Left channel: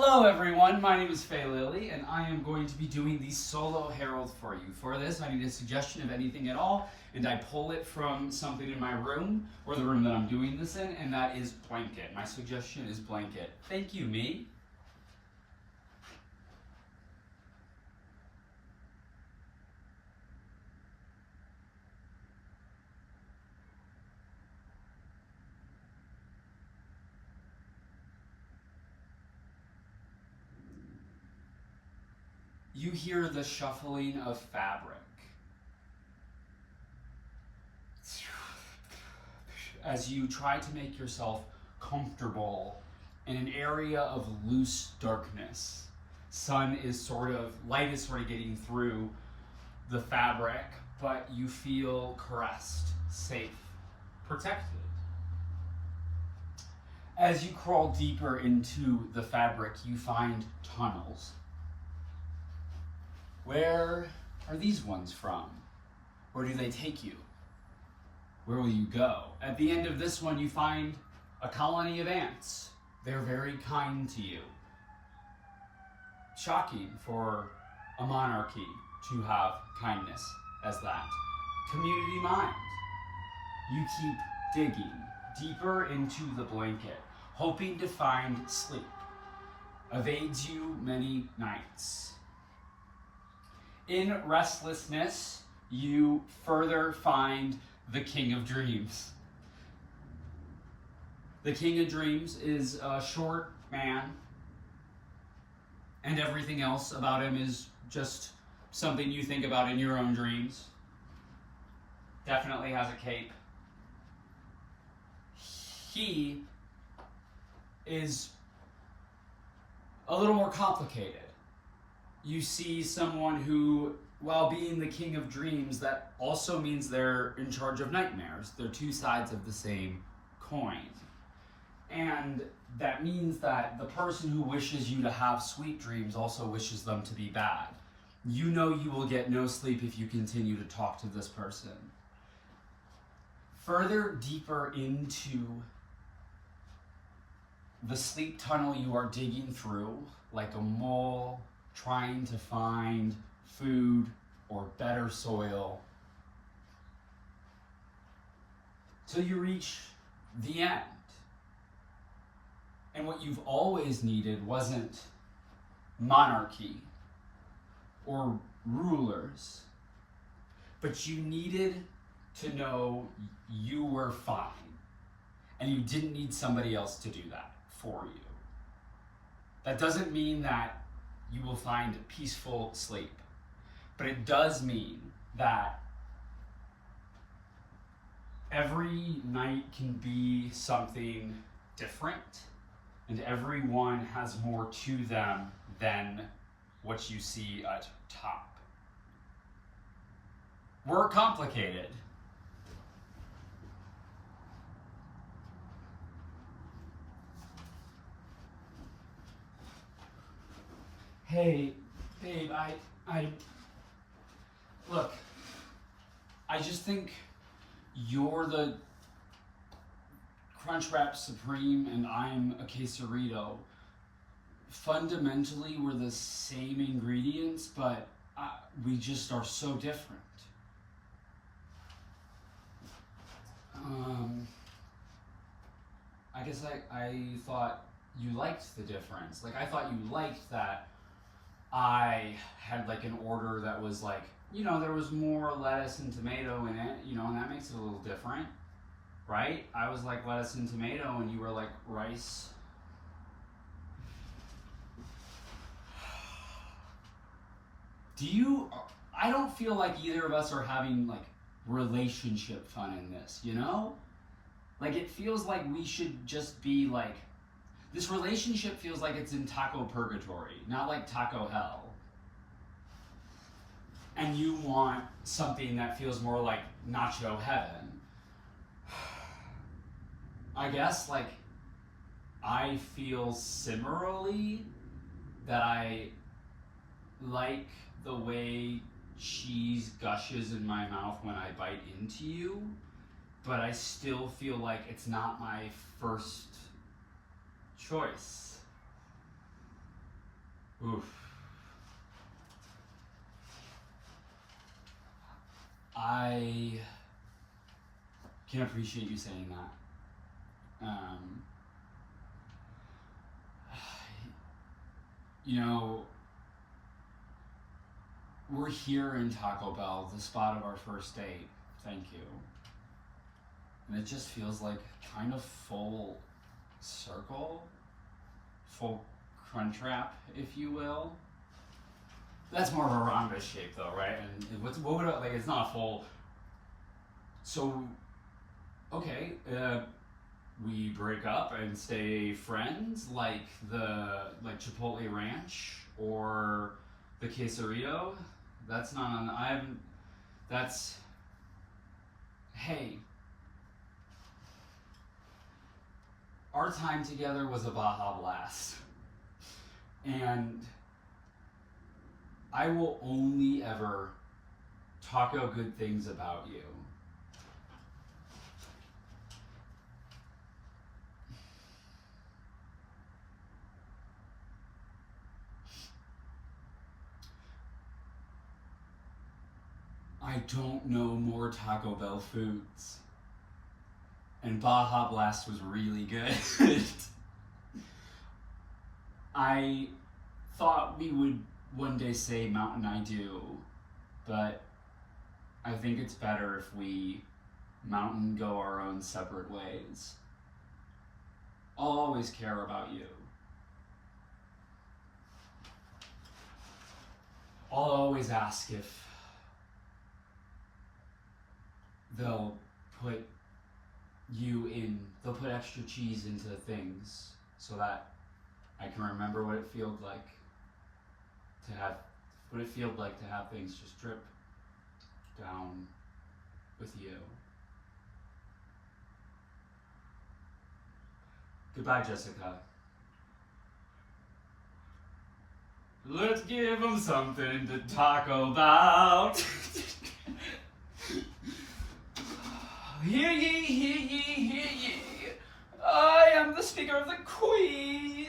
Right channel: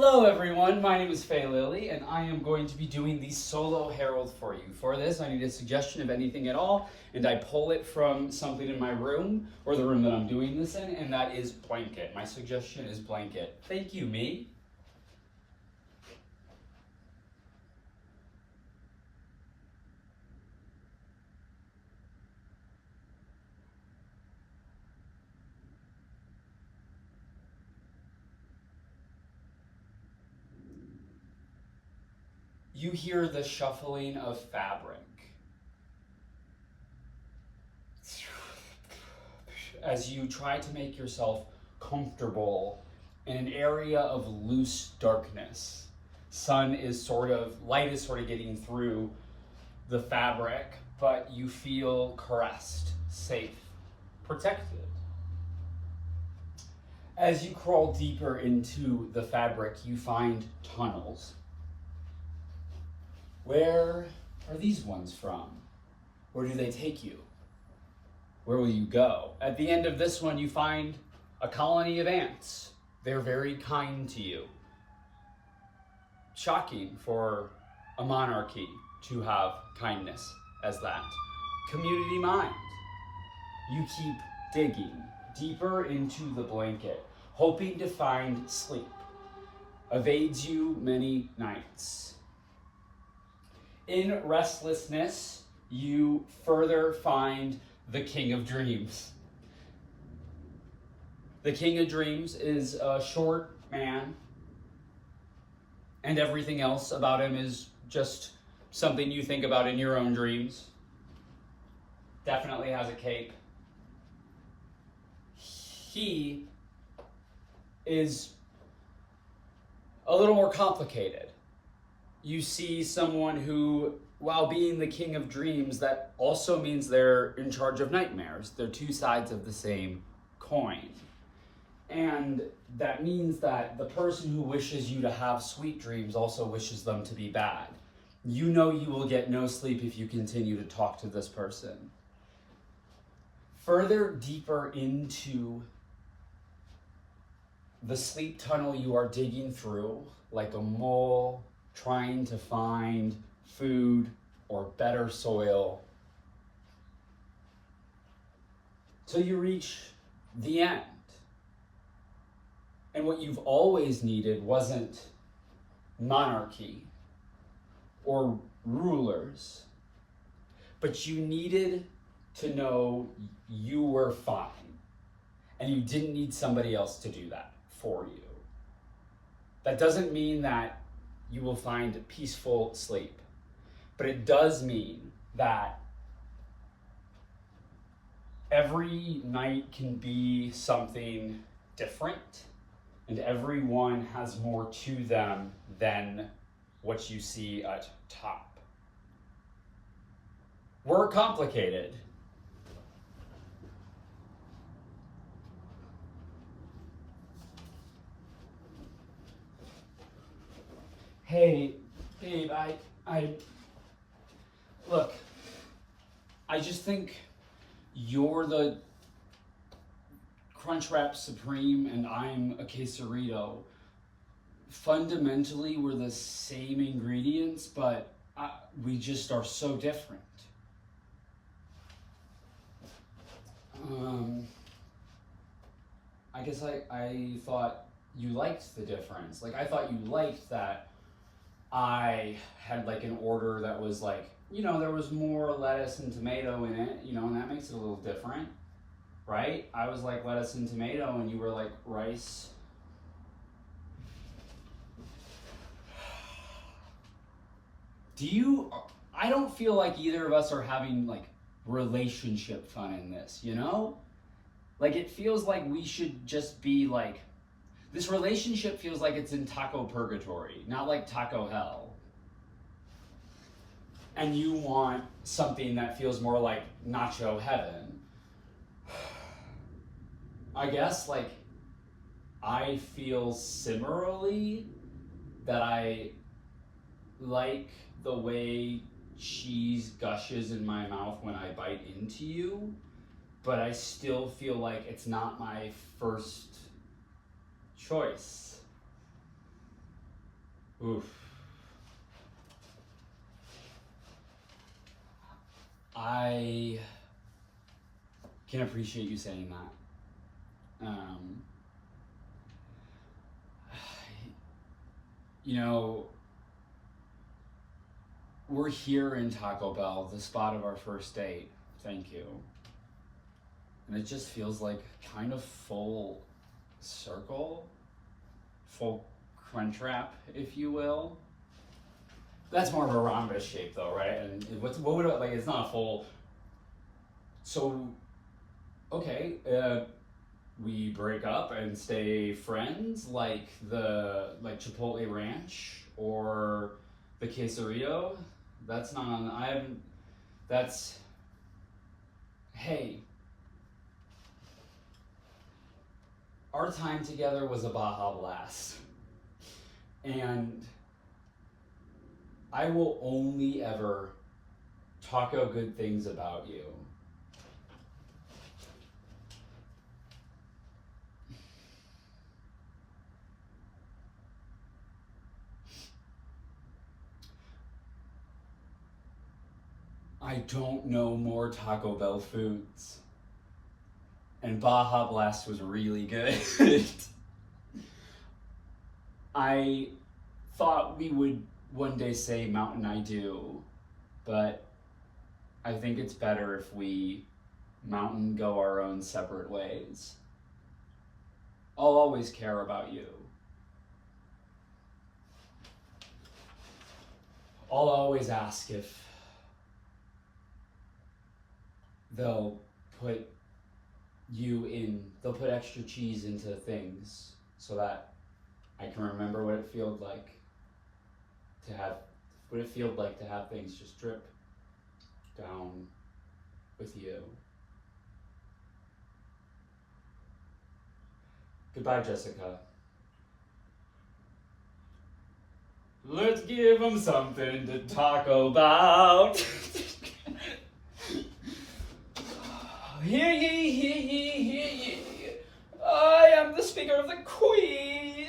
Hello everyone, my name is Faye Lily and I am going to be doing the solo herald for you. For this, I need a suggestion of anything at all, and I pull it from something in my room, or the room that I'm doing this in, and that is blanket. My suggestion is blanket. Thank you, me. You hear the shuffling of fabric as you try to make yourself comfortable in an area of loose darkness. Light is sort of getting through the fabric, but you feel caressed, safe, protected. As you crawl deeper into the fabric, you find tunnels. Where are these ones from? Where do they take you? Where will you go? At the end of this one, you find a colony of ants. They're very kind to you. Shocking for a monarchy to have kindness as that. Community mind. You keep digging deeper into the blanket, hoping to find sleep. Evades you many nights. In restlessness, you further find the King of Dreams. The King of Dreams is a short man, and everything else about him is just something you think about in your own dreams. Definitely has a cape. He is a little more complicated. You see someone who, while being the King of Dreams, that also means they're in charge of nightmares. They're two sides of the same coin. And that means that the person who wishes you to have sweet dreams also wishes them to be bad. You know you will get no sleep if you continue to talk to this person. Further deeper into the sleep tunnel you are digging through, like a mole trying to find food or better soil, till you reach the end. And what you've always needed wasn't monarchy or rulers, but you needed to know you were fine, and you didn't need somebody else to do that for you. That doesn't mean that you will find peaceful sleep, but it does mean that every night can be something different, and everyone has more to them than what you see at top. We're complicated. Hey, babe, look, I just think you're the Crunchwrap Supreme and I'm a Quesarito. Fundamentally, we're the same ingredients, but we just are so different. I guess I thought you liked the difference. Like, I thought you liked that I had like an order that was like, there was more lettuce and tomato in it, and that makes it a little different, right? I was like lettuce and tomato and you were like rice. I don't feel like either of us are having like relationship fun in this, Like, it feels like we should just be like, this relationship feels like it's in taco purgatory, not like taco hell. And you want something that feels more like nacho heaven. I guess, like, I feel similarly that I like the way cheese gushes in my mouth when I bite into you, but I still feel like it's not my first choice. Oof. I can appreciate you saying that. You know, we're here in Taco Bell, the spot of our first date. Thank you. And it just feels like kind of full circle, full Crunchwrap, if you will. That's more of a rhombus shape, though, right? And what would it, like? It's not a full. So, okay, we break up and stay friends, like Chipotle Ranch or the Quesarillo. That's not on. I haven't. That's. Hey. Our time together was a Baja Blast, and I will only ever talk out good things about you. I don't know more Taco Bell foods. And Baja Blast was really good. I thought we would one day say Mountain I Do, but I think it's better if we Mountain go our own separate ways. I'll always care about you. I'll always ask if they'll put extra cheese into things so that I can remember what it felt like to have things just drip down with you. Goodbye, Jessica. Let's give them something to talk about. Hear ye, hear ye, hear ye. I am the Speaker of the Queen,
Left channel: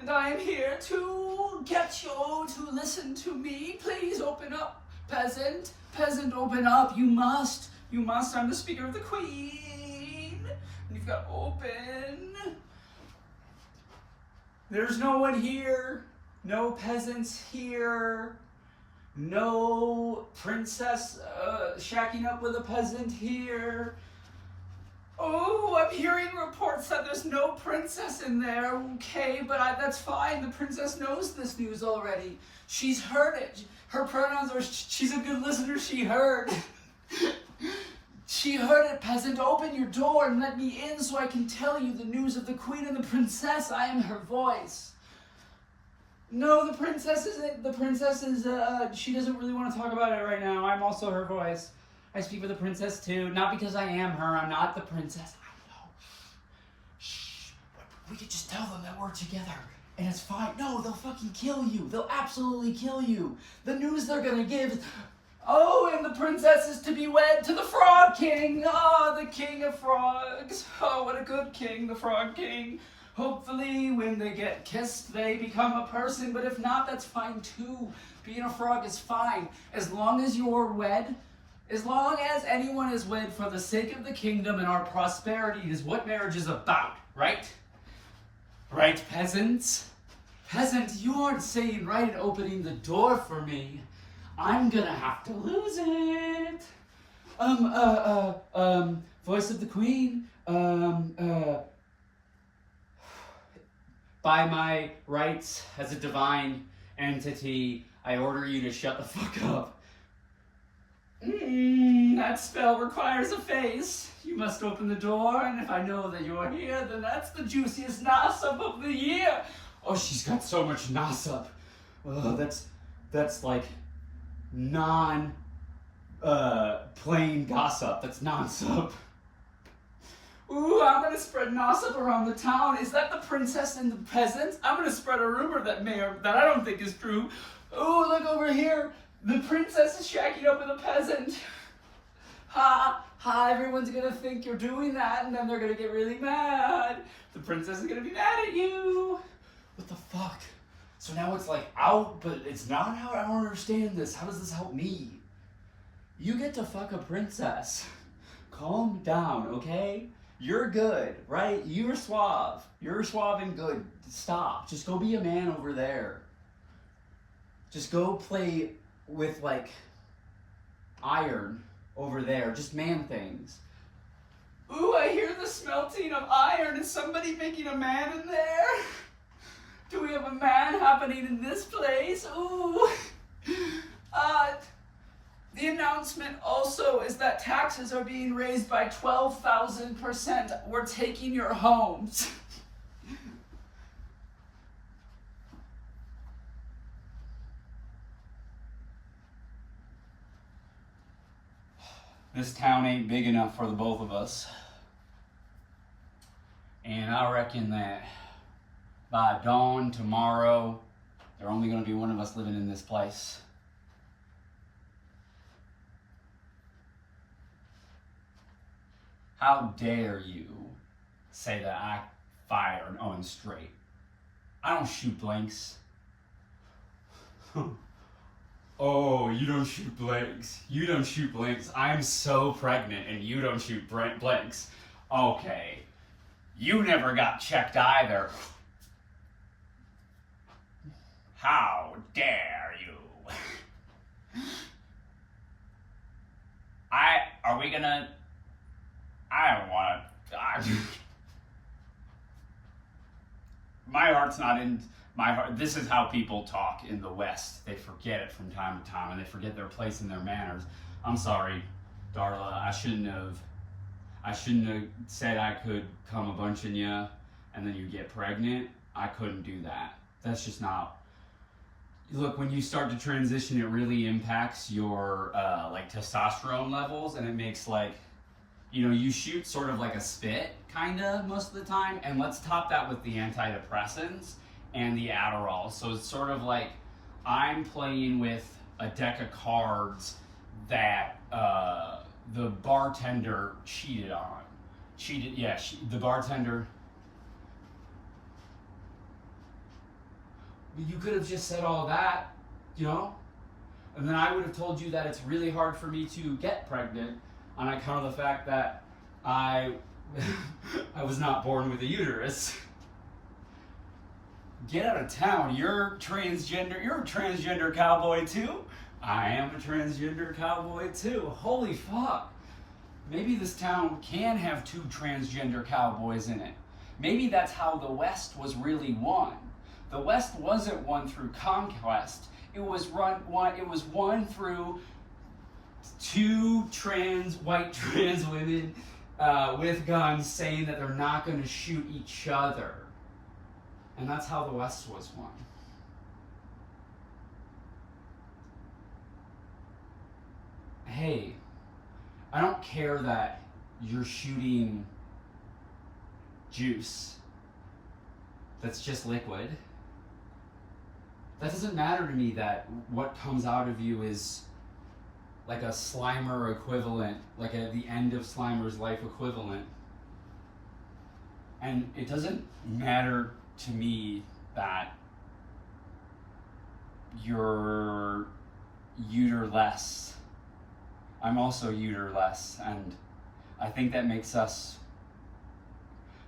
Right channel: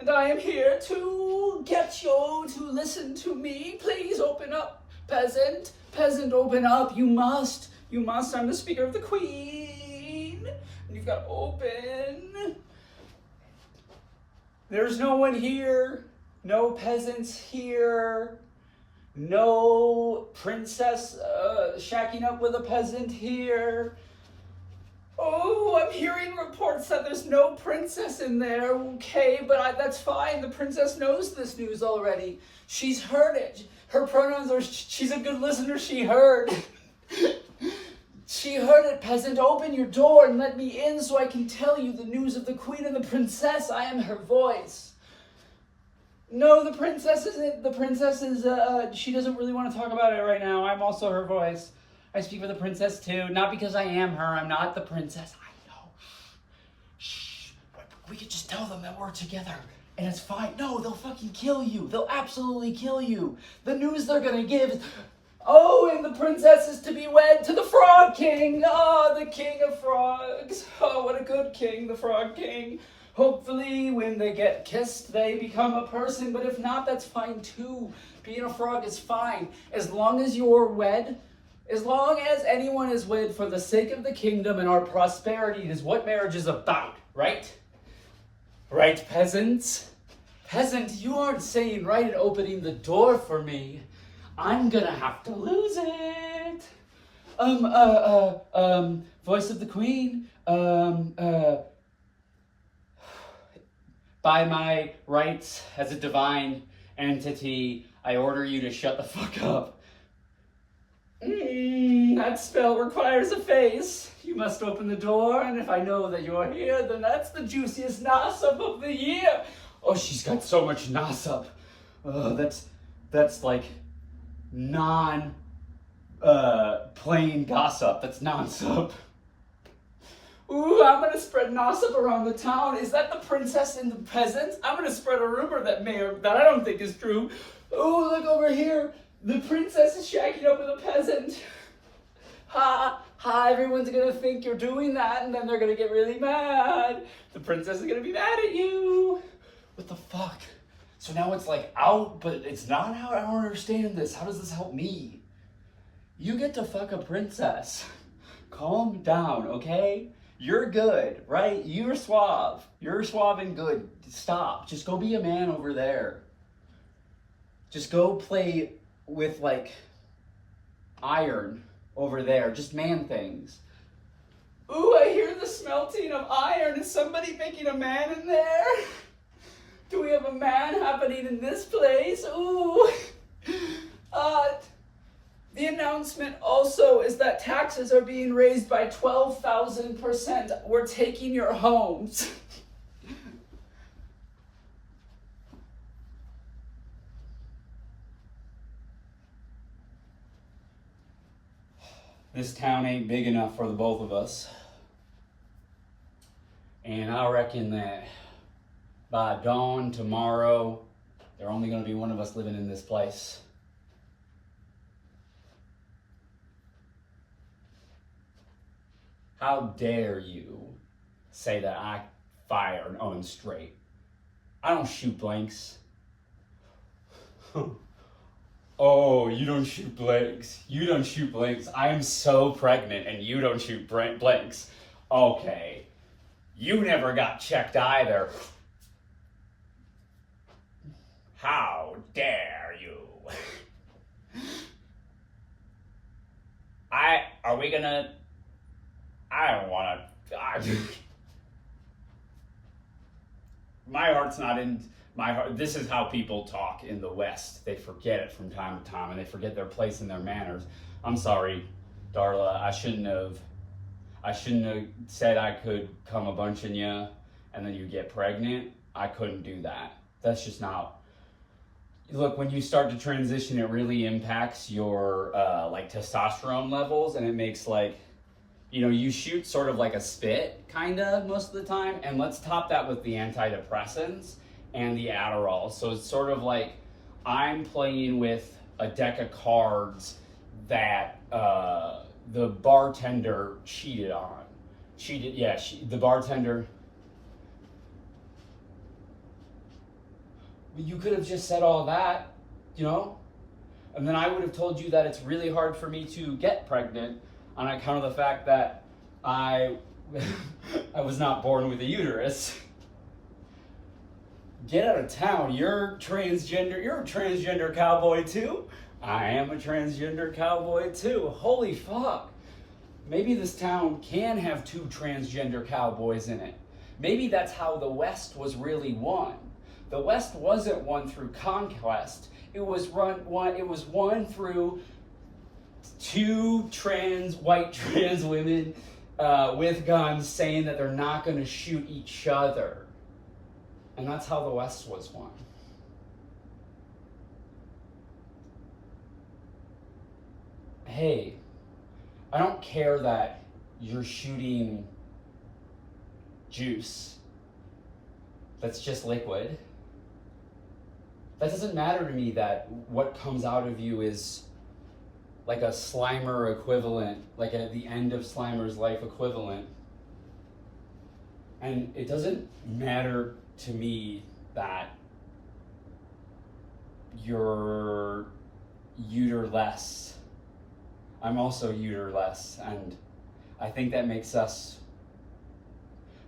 and I am here to get you to listen to me. Please open up, peasant. Peasant, open up. You must. I'm the Speaker of the Queen. And you've got to open. There's no one here. No peasants here. No princess shacking up with a peasant here. Oh, I'm hearing reports that there's no princess in there. Okay, but that's fine. The princess knows this news already. She's heard it. Her pronouns are, she's a good listener. She heard. She heard it, peasant. Open your door and let me in so I can tell you the news of the queen and the princess. I am her voice. No, the princess isn't. The princess is, she doesn't really want to talk about it right now. I'm also her voice. I speak for the princess too. Not because I am her. I'm not the princess. I know. Shh. We could just tell them that we're together. And it's fine. No, they'll fucking kill you. They'll absolutely kill you. The news they're gonna give is, oh, and the princess is to be wed to the Frog King. Oh, the king of frogs. Oh, what a good king, the Frog King. Hopefully, when they get kissed, they become a person. But if not, that's fine too. Being a frog is fine. As long as you're wed, as long as anyone is wed for the sake of the kingdom and our prosperity is what marriage is about, right? Right, peasants? Peasant, you aren't saying right and opening the door for me. I'm gonna have to lose it. Voice of the queen, by my rights as a divine entity, I order you to shut the fuck up. That spell requires a face. You must open the door, and if I know that you're here, then that's the juiciest Nassup of the year. Oh, she's got so much Nassup. Oh, that's like plain gossip. That's non-sup. Ooh, I'm gonna spread Nassup around the town. Is that the princess and the peasants? I'm gonna spread a rumor that I don't think is true. Ooh, look over here. The princess is shacking up with a peasant. Ha, everyone's gonna think you're doing that, and then they're gonna get really mad. The princess is gonna be mad at you. What the fuck? So now it's like out, but it's not out. I don't understand this. How does this help me? You get to fuck a princess. Calm down, okay? You're good, right? You're suave. You're suave and good. Stop. Just go be a man over there. Just go play with, like, iron over there. Just man things. Ooh, I hear the smelting of iron. Is somebody making a man in there? Do we have a man happening in this place? Ooh. The announcement also is that taxes are being raised by 12,000%. We're taking your homes. This town ain't big enough for the both of us. And I reckon that by dawn tomorrow, there's only going to be one of us living in this place. How dare you say that I fire on straight? I don't shoot blanks. Oh, you don't shoot blanks. You don't shoot blanks. I am so pregnant and you don't shoot blanks. Okay. You never got checked either. How dare you? I don't want to. My heart's not in my heart. This is how people talk in the West. They forget it from time to time, and they forget their place and their manners. I'm sorry, Darla. I shouldn't have said I could come a bunch in you, and then you get pregnant. I couldn't do that. That's just not. Look, when you start to transition, it really impacts your like testosterone levels, and it makes like, you know, you shoot sort of like a spit, kinda, most of the time, and let's top that with the antidepressants and the Adderall. So it's sort of like I'm playing with a deck of cards that the bartender cheated on. The bartender. You could have just said all that, you know? And then I would have told you that it's really hard for me to get pregnant on account of the fact that I was not born with a uterus. Get out of town. You're transgender. You're a transgender cowboy too. I am a transgender cowboy too. Holy fuck. Maybe this town can have two transgender cowboys in it. Maybe that's how the West was really won. The West wasn't won through conquest. It was won through two white trans women with guns saying that they're not going to shoot each other. And that's how the West was won. Hey, I don't care that you're shooting juice that's just liquid. That doesn't matter to me that what comes out of you is like a Slimer equivalent, like at the end of Slimer's life equivalent. And it doesn't matter to me that you're uterless. I'm also uterless, and I think that makes us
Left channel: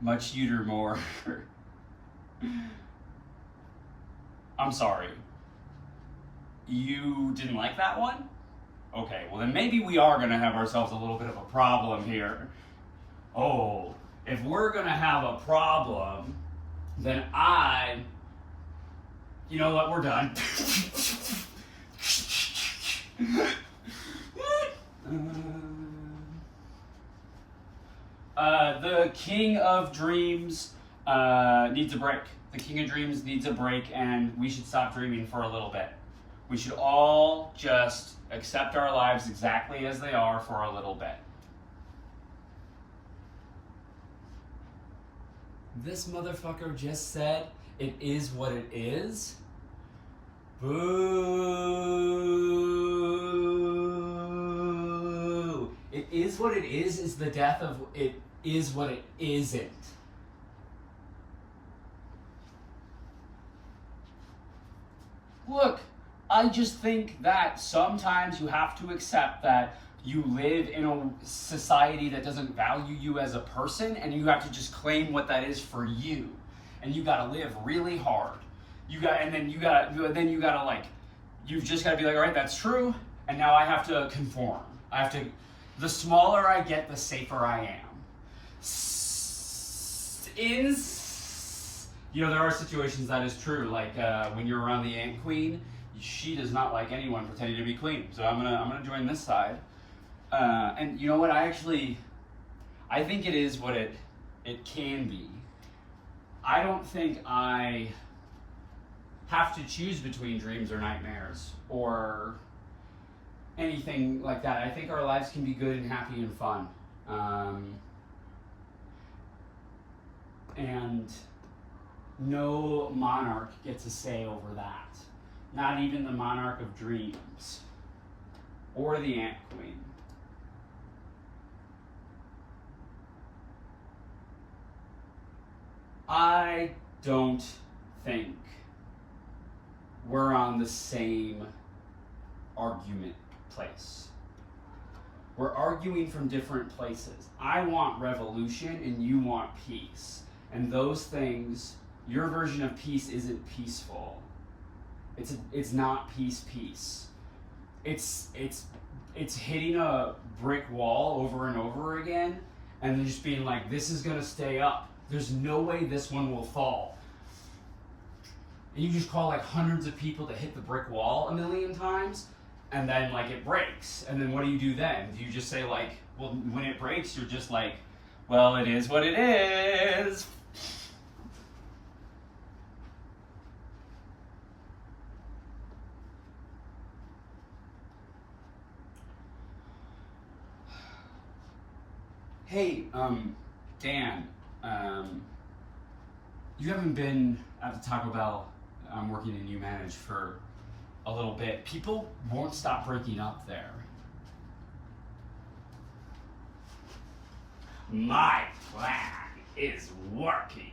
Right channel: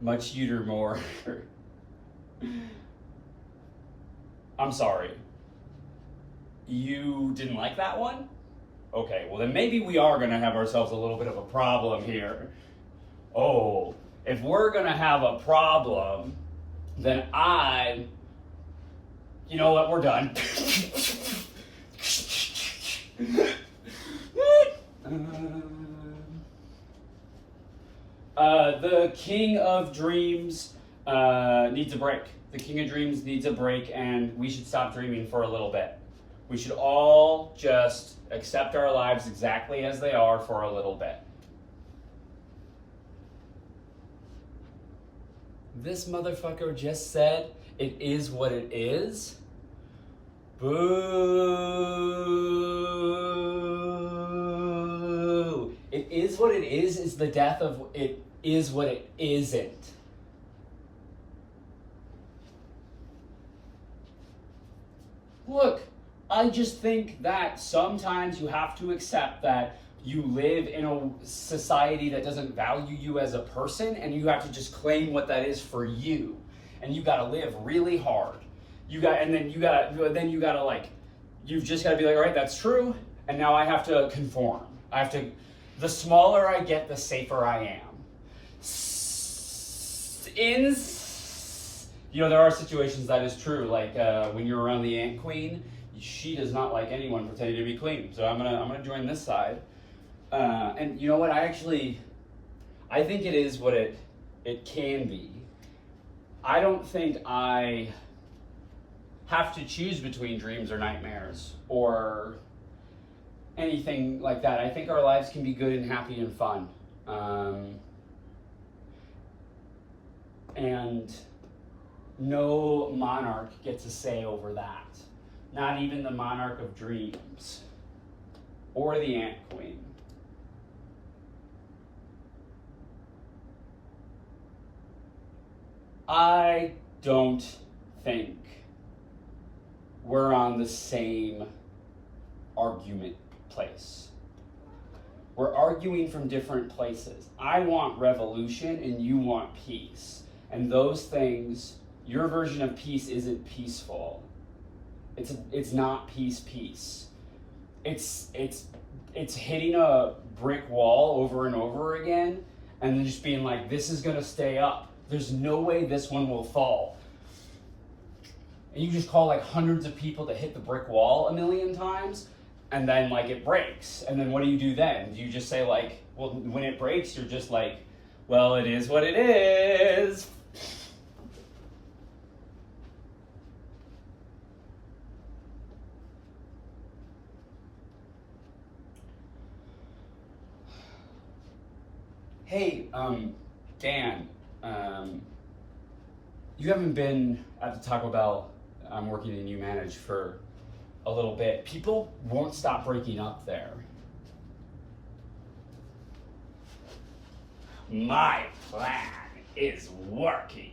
much uter more. I'm sorry. You didn't like that one? Okay, well then maybe we are gonna have ourselves a little bit of a problem here. Oh, if we're gonna have a problem, then you know what, we're done. The King of Dreams needs a break. The King of Dreams needs a break, and we should stop dreaming for a little bit. We should all just accept our lives exactly as they are for a little bit. This motherfucker just said, it is what it is. Boo. It is what it is the death of it is what it isn't. Look, I just think that sometimes you have to accept that you live in a society that doesn't value you as a person, and you have to just claim what that is for you. And you gotta live really hard. Then you gotta like, you've just gotta be like, all right, that's true, and now I have to conform. The smaller I get, the safer I am. There are situations that is true, like when you're around the Ant Queen, she does not like anyone pretending to be queen. So I'm gonna join this side. And you know what? I think it is what it can be. I don't think I have to choose between dreams or nightmares or anything like that. I think our lives can be good and happy and fun. And no monarch gets a say over that. Not even the monarch of dreams or the Ant Queen. I don't think we're on the same argument place. We're arguing from different places. I want revolution and you want peace. And those things, your version of peace isn't peaceful. It's not peace. It's hitting a brick wall over and over again and then just being like, this is gonna stay up. There's no way this one will fall. And you just call like hundreds of people to hit the brick wall a million times, and then like it breaks. And then what do you do then? Do you just say like, well, when it breaks, you're just like, well, it is what it is. Hey, Dan, you haven't been at the Taco Bell I'm working in U-Manage for a little bit. People won't stop breaking up there. My plan is working.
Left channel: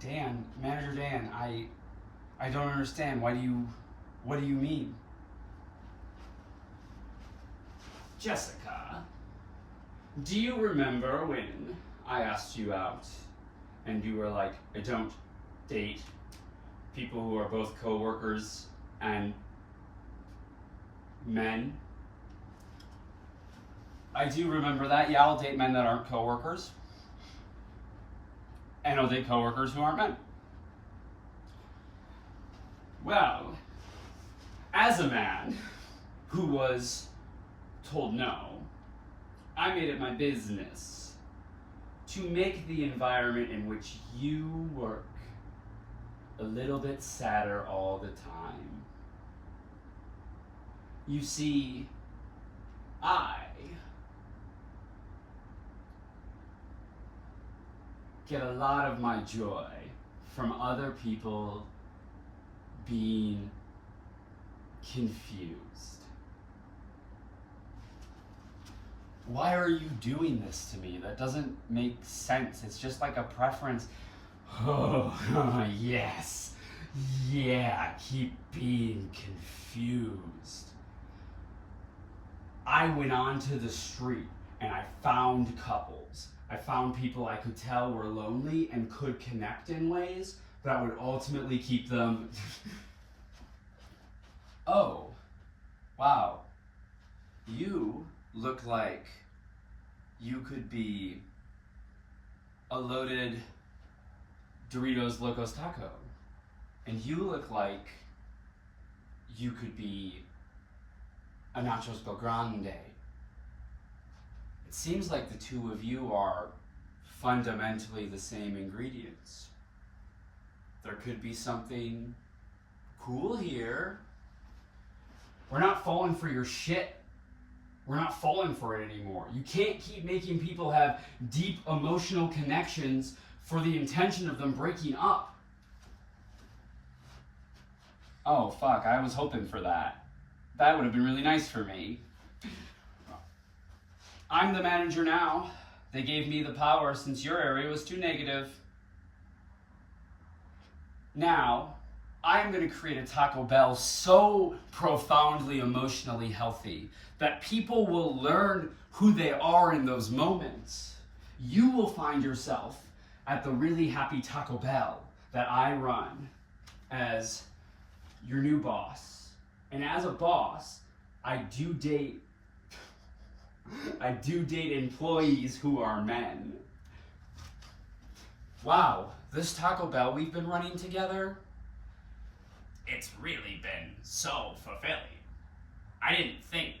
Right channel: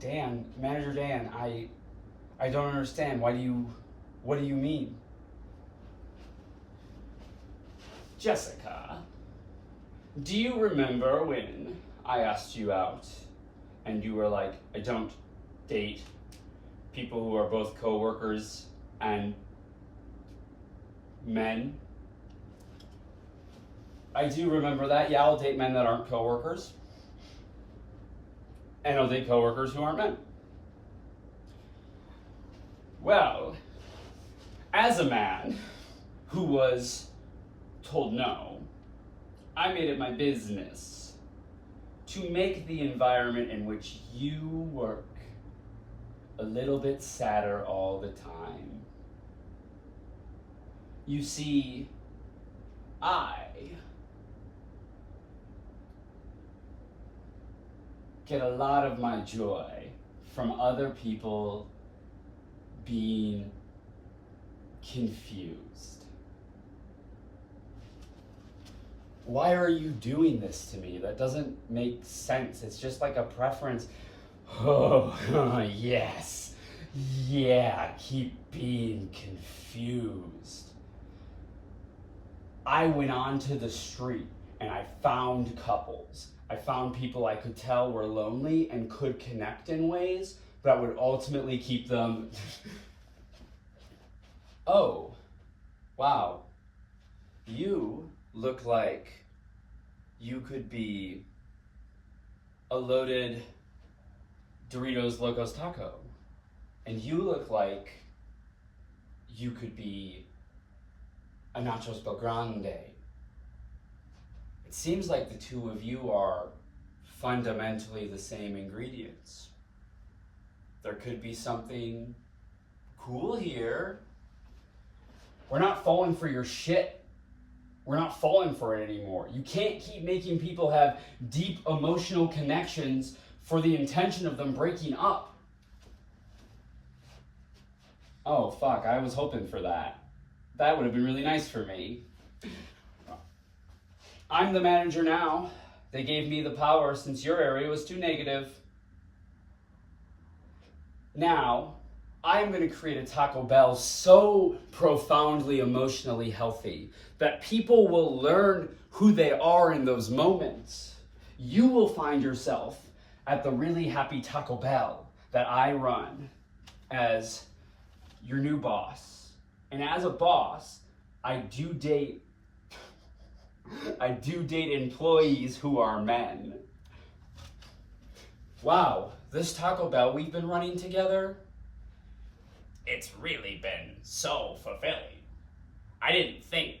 Dan, Manager Dan, I don't understand. What do you mean? Jessica, do you remember when I asked you out and you were like, I don't date people who are both co-workers and men? I do remember that. Yeah, I'll date men that aren't co-workers. And I'll date co-workers who aren't men. Well, as a man who was told no, I made it my business to make the environment in which you work a little bit sadder all the time. You see, I get a lot of my joy from other people being confused. Why are you doing this to me? That doesn't make sense. It's just like a preference. Oh, yes. Yeah, keep being confused. I went onto the street and I found couples. I found people I could tell were lonely and could connect in ways that would ultimately keep them. Oh, wow. You look like you could be a loaded Doritos Locos Taco. And you look like you could be a Nachos Belgrande. It seems like the two of you are fundamentally the same ingredients. There could be something cool here. We're not falling for your shit. We're not falling for it anymore. You can't keep making people have deep emotional connections for the intention of them breaking up. Oh, fuck, I was hoping for that. That would have been really nice for me. I'm the manager now. They gave me the power since your area was too negative. Now, I am going to create a Taco Bell so profoundly emotionally healthy that people will learn who they are in those moments. You will find yourself at the really happy Taco Bell that I run as your new boss. And as a boss, I do date employees who are men. Wow, this Taco Bell we've been running together, it's really been so fulfilling. I didn't think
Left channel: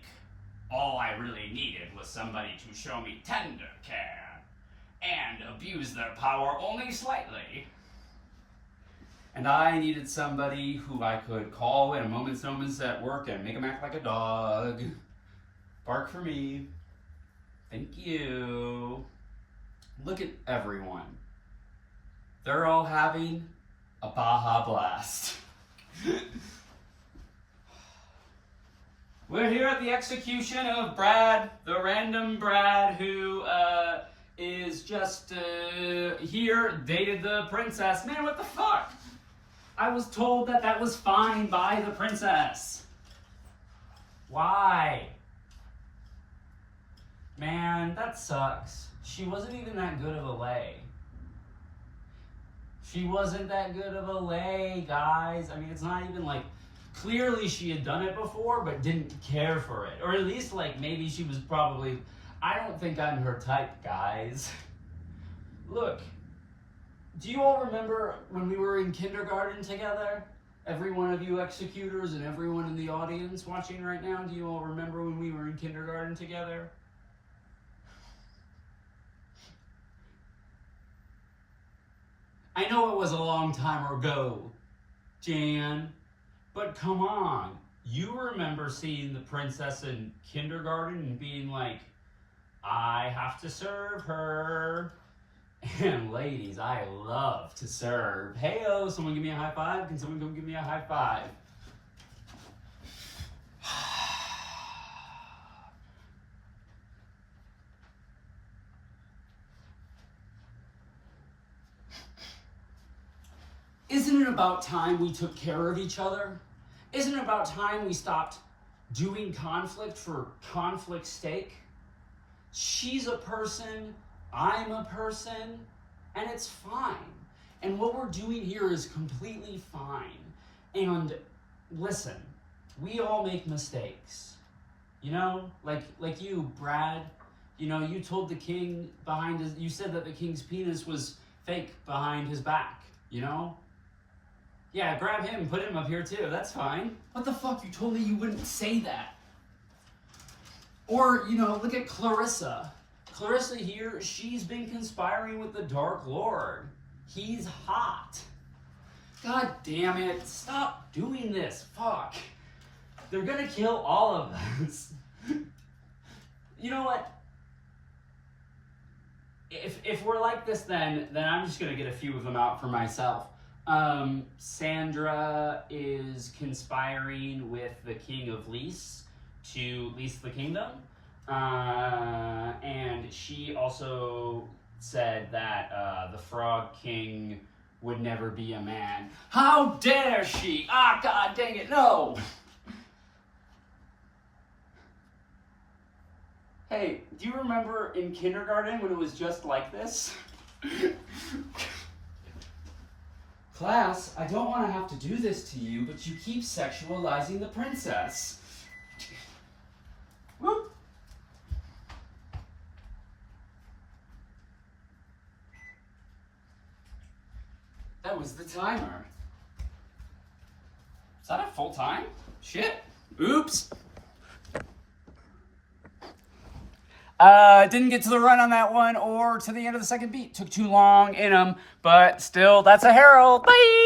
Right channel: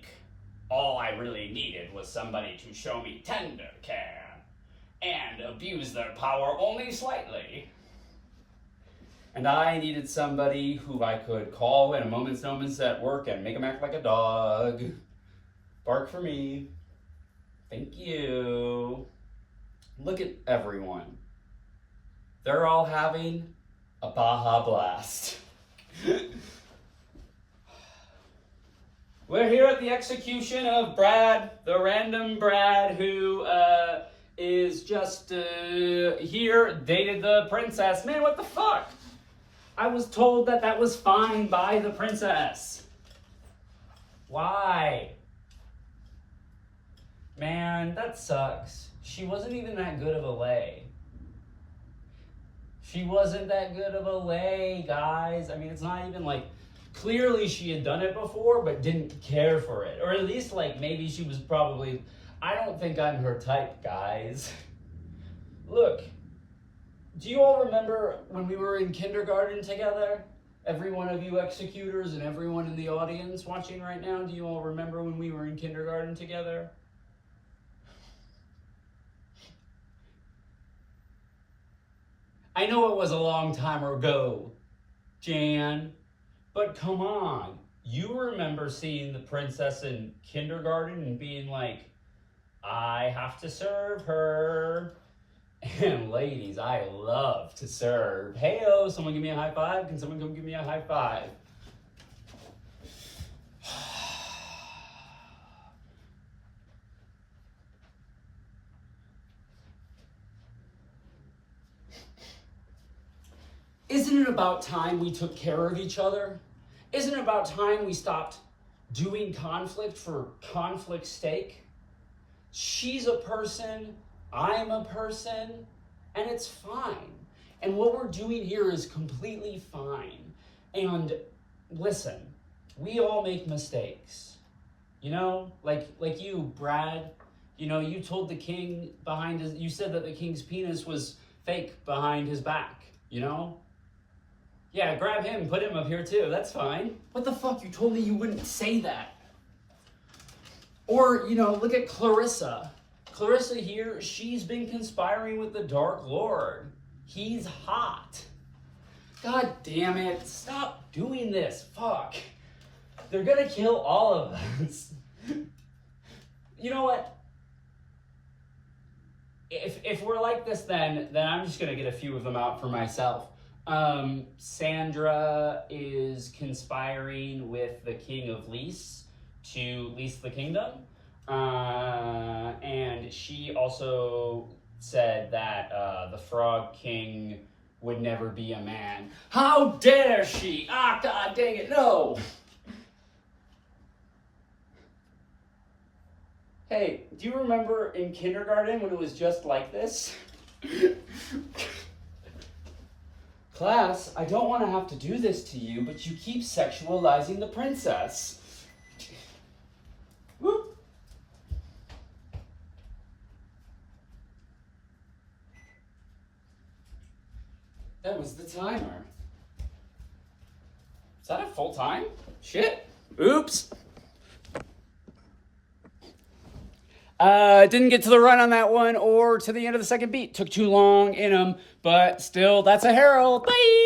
all I really needed was somebody to show me tender care and abuse their power only slightly. And I needed somebody who I could call in a moment's notice at work and make them act like a dog. Bark for me. Thank you. Look at everyone. They're all having a Baja Blast. We're here at the execution of Brad, the random Brad who is just here, dated the princess. Man, what the fuck? I was told that that was fine by the princess. Why? Man, that sucks. She wasn't even that good of a lay. She wasn't that good of a lay, guys. I mean, it's not even like, clearly she had done it before, but didn't care for it. Or at least, like, maybe she was probably, I don't think I'm her type, guys. Look, do you all remember when we were in kindergarten together? Every one of you executors and everyone in the audience watching right now, do you all remember when we were in kindergarten together? I know it was a long time ago, Jan, but come on. You remember seeing the princess in kindergarten and being like, I have to serve her. And ladies, I love to serve. Hey-o, someone give me a high five? Can someone come give me a high five? Isn't it about time we took care of each other? Isn't it about time we stopped doing conflict for conflict's sake? She's a person, I'm a person, and it's fine. And what we're doing here is completely fine. And listen, we all make mistakes. You know, like you, Brad, you know, you told the king behind his, you said that the king's penis was fake behind his back, you know? Yeah, grab him and put him up here too, that's fine. What the fuck, you told me you wouldn't say that. Or, you know, look at Clarissa. Clarissa here, she's been conspiring with the Dark Lord. He's hot. God damn it, stop doing this, fuck. They're gonna kill all of us. You know what? If we're like this, then I'm just gonna get a few of them out for myself. Sandra is conspiring with the king of Lys to lease the kingdom. And she also said that the Frog King would never be a man. How dare she? Ah, god dang it, no! Hey, do you remember in kindergarten when it was just like this? Class, I don't want to have to do this to you, but you keep sexualizing the princess. Whoop. That was the timer. Is that a full time? Shit. Oops. Didn't get to the run on that one or to the end of the second beat. Took too long in them, but still, that's a Herald. Bye!